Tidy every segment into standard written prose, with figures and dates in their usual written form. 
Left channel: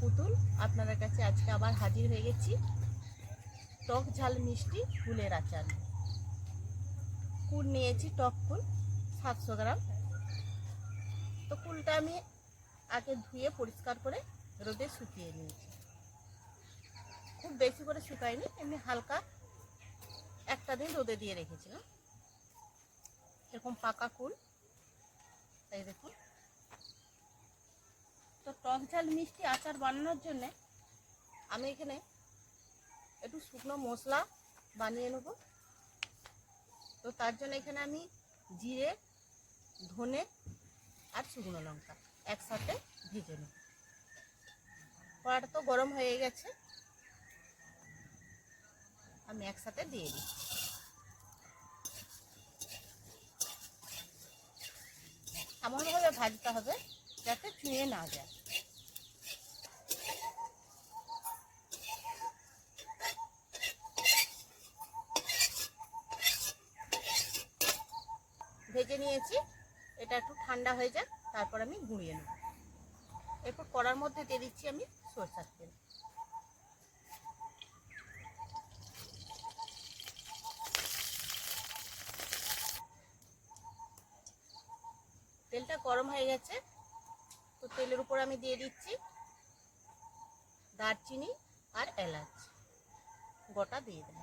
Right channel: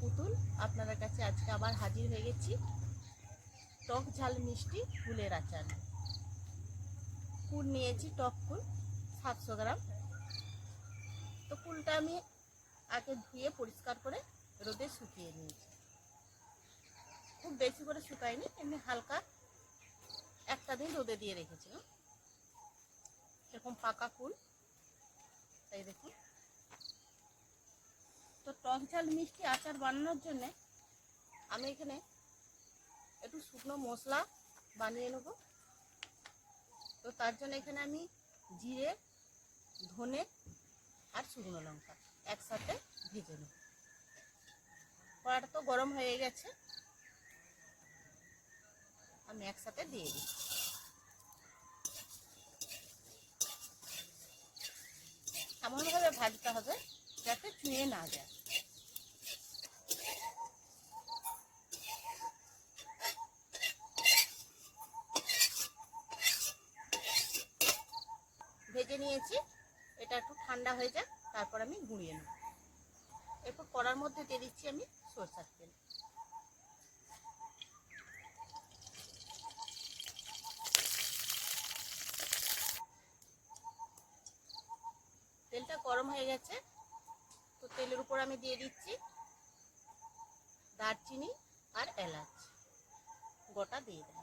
পুতুল আপনাদের কাছে আজকে আবার হাজির হয়ে গেছি টক ঝাল মিষ্টি কুলের আচার। কুল নিয়েছি, টক কুল 700 গ্রাম। তো কুলটা আমি আগে ধুয়ে পরিষ্কার করে রোদে শুকিয়ে নিয়েছি। খুব বেশি করে শুকাইনি, এমনি হালকা একটা দিন রোদে দিয়ে রেখেছিলাম। এরকম পাকা কুল, তাই দেখুন। তো টক ঝাল মিষ্টি আচার বানানোর জন্য আমি এখানে একটু শুকনো মশলা বানিয়ে নেব। তো তার জন্য এখানে আমি জিরে, ধনে আর শুকনো লঙ্কা একসাথে ভেজে নেব। কড়াটা তো গরম হয়ে গেছে, আমি একসাথে দিয়ে দিই। এমনভাবে ভাজতে হবে যাতে চুঁয়ে না যায়। ভেজে নিয়েছি, এটা একটু ঠান্ডা হয়ে যাক, তারপর আমি গুঁড়িয়ে নেব। এরপর কড়ার মধ্যে দিয়ে দিচ্ছি আমি সরষের তেল। তেলটা গরম হয়ে গেছে, তো তেলের উপর আমি দিয়ে দিচ্ছি দারচিনি আর এলাচ গোটা দিয়ে দেব।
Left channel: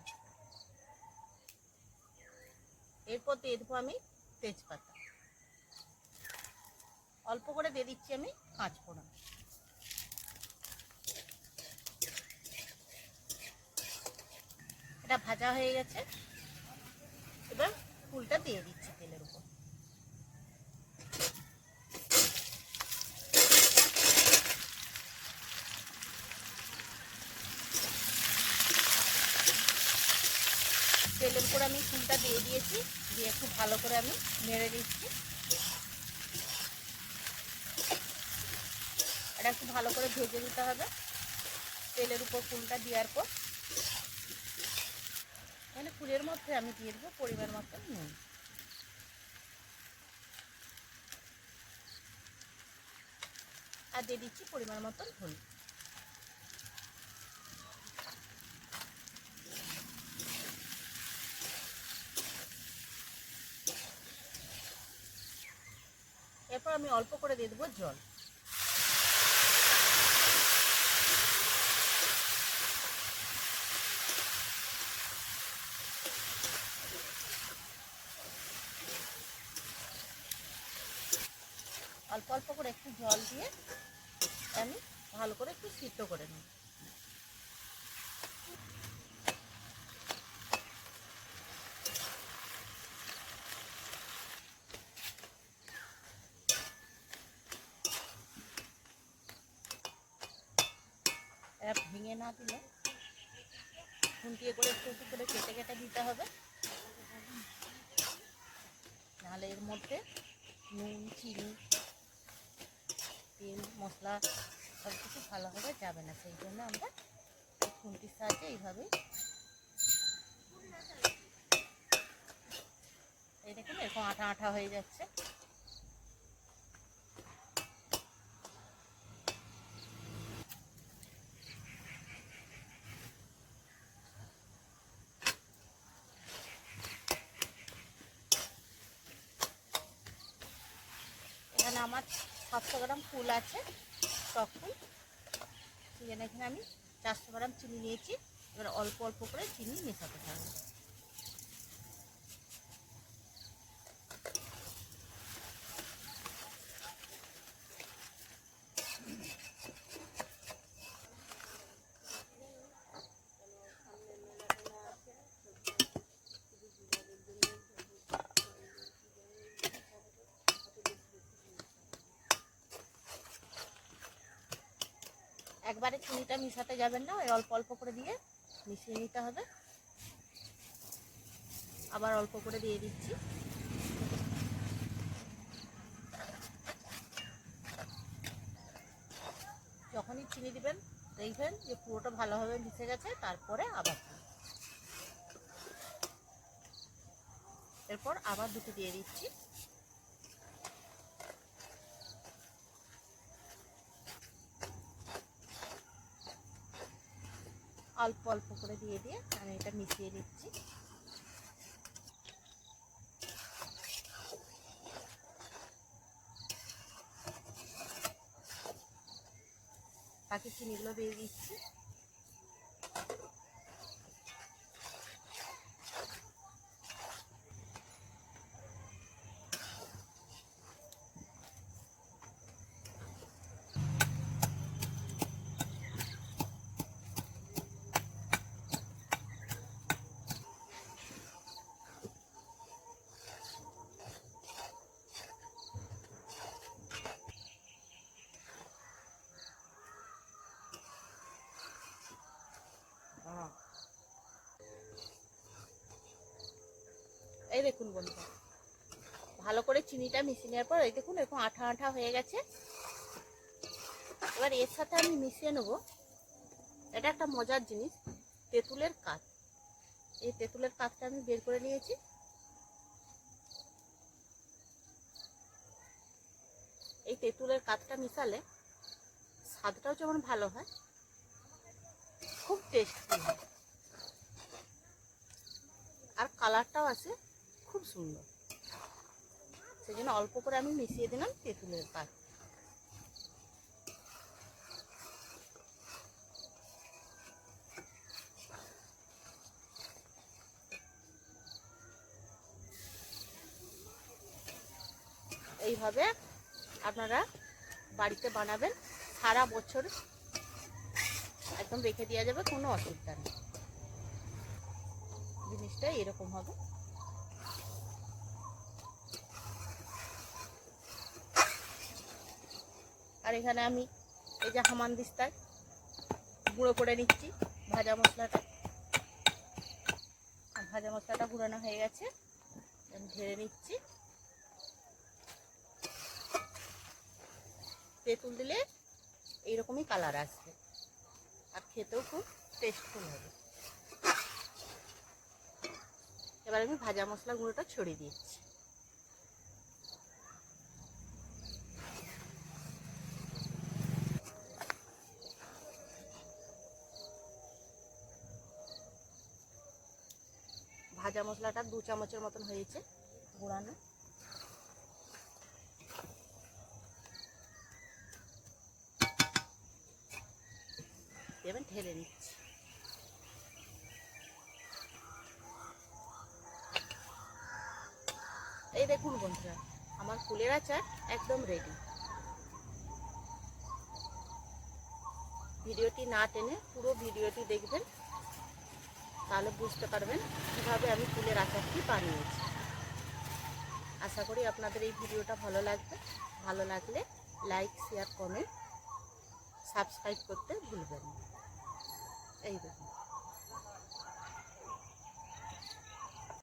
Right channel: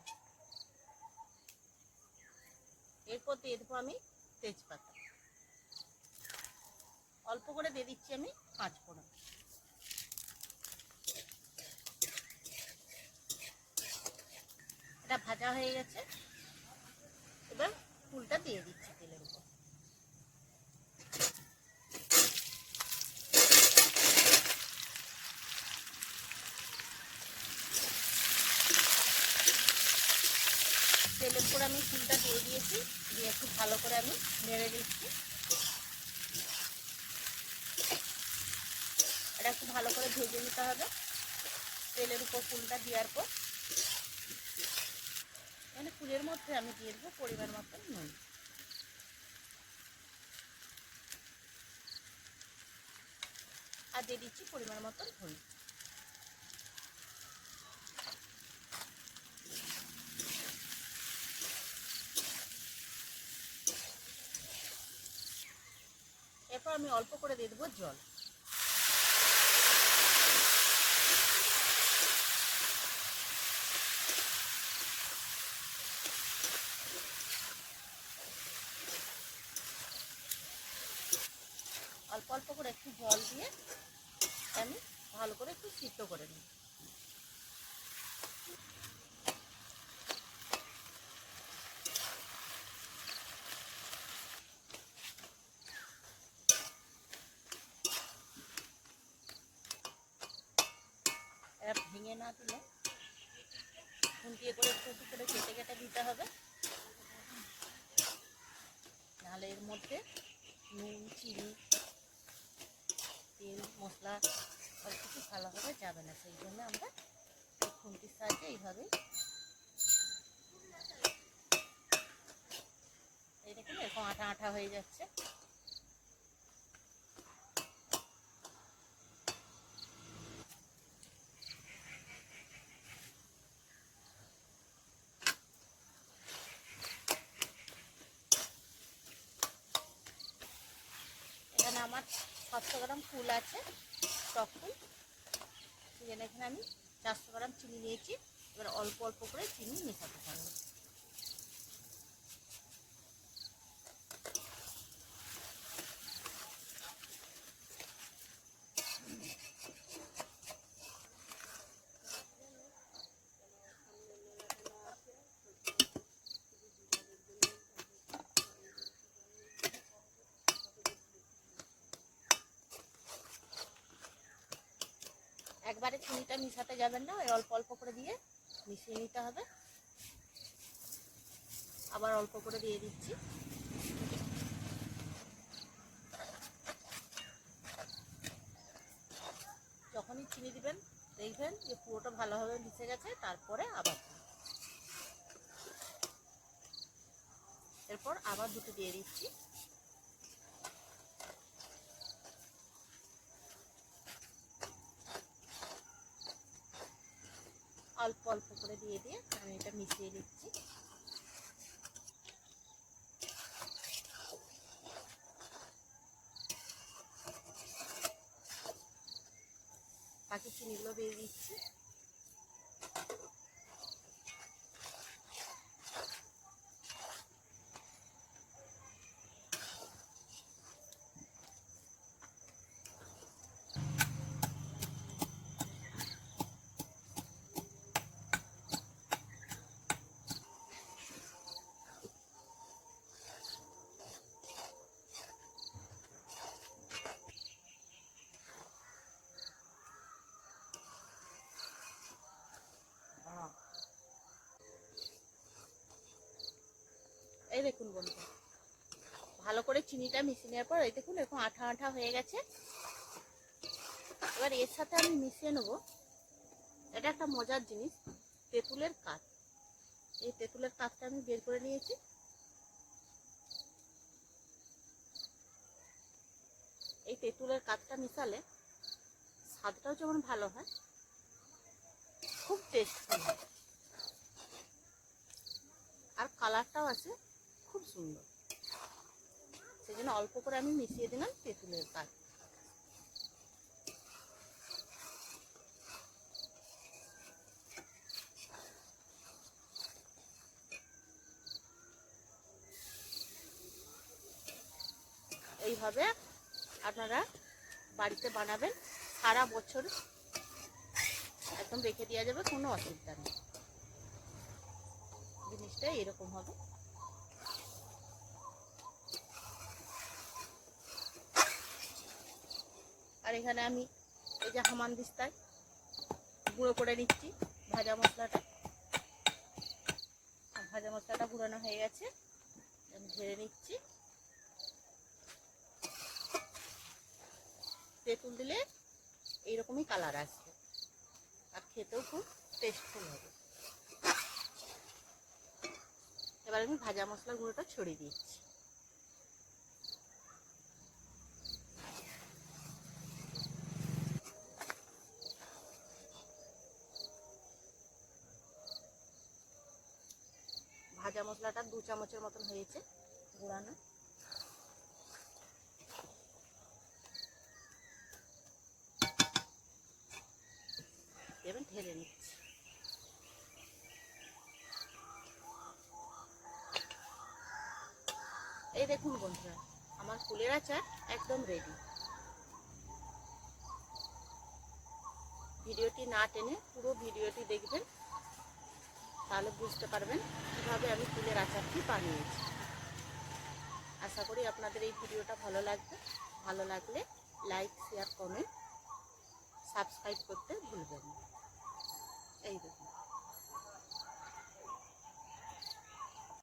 এরপর দিয়ে দেবো আমি তেজপাতা, অল্প করে দিয়ে দিচ্ছি আমি 5 ফোড়ন। এটা ভাজা হয়ে গেছে, এবার ফুলটা দিয়ে দিচ্ছি তেলের উপর। তেলের উপর আমি ফুলটা দিয়ে দিয়েছি, দিয়ে একটু ভালো করে আমি নেড়ে দিচ্ছি। এটা একটু ভালো করে ভেজে দিতে হবে তেলের উপর ফুলটা দেওয়ার পর। মানে ফুলের মধ্যে আমি দিয়ে দেবো পরিমাণ মতো নুন। আর দিয়ে দিচ্ছি পরিমাণ মতন হলুদ। এরপর আমি অল্প করে দিয়ে দেবো জল। অল্প অল্প করে একটু জল দিয়ে আমি ভালো করে একটু সিদ্ধ করে নিই। এরা ভেঙে না দিলে খুন্তিয়ে করে একটু একটু করে কেটে কেটে দিতে হবে, নাহলে এর মধ্যে নুন, চিনি, তেল, মশলা সব কিছু ভালোভাবে যাবে না। সেই জন্য আমরা এই খুন্তির সাহায্যে এইভাবেই, এই দেখুন এরকম আঠা আঠা হয়ে যাচ্ছে। এখানে আমার 700 গ্রাম ফুল আছে, টক ফুল। সেখানে এখানে আমি 400 গ্রাম চিনি নিয়েছি। এবার অল্প অল্প করে চিনি মেশাতে থাকবো। একবারে চিনিটা মিশাতে যাবেন না, ওই অল্প অল্প করে দিয়ে মিশিয়ে নিতে হবে। আবার অল্প করে দিয়ে দিচ্ছি। যখনই চিনি দিবেন দেখবেন যে পুরোটা ভালোভাবে মিশে গেছে, তারপরে আবার এরপর আবার দুটো দিয়ে দিচ্ছি। অল্প অল্প করে দিয়ে দিয়ে আমি এটা মিশিয়ে দিচ্ছি। বাকি চিনিগুলো দিয়ে দিচ্ছি। এই দেখুন বন্ধুরা, ভালো করে চিনিটা মিশিয়ে নেওয়ার পর এই দেখুন এরকম আঠা আঠা হয়ে গেছে। এবার এর সাথে আমি মিশিয়ে নেব, এটা একটা মজার জিনিস, তেঁতুলের কাঠ। এই তেঁতুলের কাঠটা আমি বের করে নিয়েছি। এই তেঁতুলের কাঠটা মিশালে স্বাদটাও যেমন ভালো হয়, খুব টেস্টি হয়, আর কালারটাও আছে খুব সুন্দর। সেই জন্য অল্প করে আমি মিশিয়ে দিলাম তেঁতুলের কাঠ। এইভাবে আপনারা বাড়িতে বানাবেন, সারা বছর একদম রেখে দেওয়া যাবে, কোনো অসুবিধা নেই। জিনিসটা এরকম হবে। আর এখানে আমি এই যে হামানদিস্তায় গুঁড়ো করে নিচ্ছি ভাজা মশলাটা। ভাজা মশলাটা গুঁড়ানো হয়ে গেছে, আমি ঢেলে নিচ্ছি। তেঁতুল দিলে এইরকমই কালার আসবে, আর খেতেও খুব টেস্টফুল হবে। এবার আমি ভাজা মশলা গুঁড়োটা ছড়িয়ে দিচ্ছি। ভাজা মশলাটা 2 চামচের মতন হয়েছে গুঁড়ানো। এবার ঢেলে নিচ্ছি। এই দেখুন বন্ধুরা, আমার কুলের আচার একদম রেডি। ভিডিওটি না টেনে পুরো ভিডিওটি দেখবেন, তাহলে বুঝতে পারবেন কিভাবে আমি কুলের আচারটি বানিয়েছি। আশা করি আপনাদের এই ভিডিওটা ভালো লাগবে। ভালো লাগলে লাইক, শেয়ার, কমেন্ট, সাবস্ক্রাইব করতে ভুলবেন না। এই দেখুন।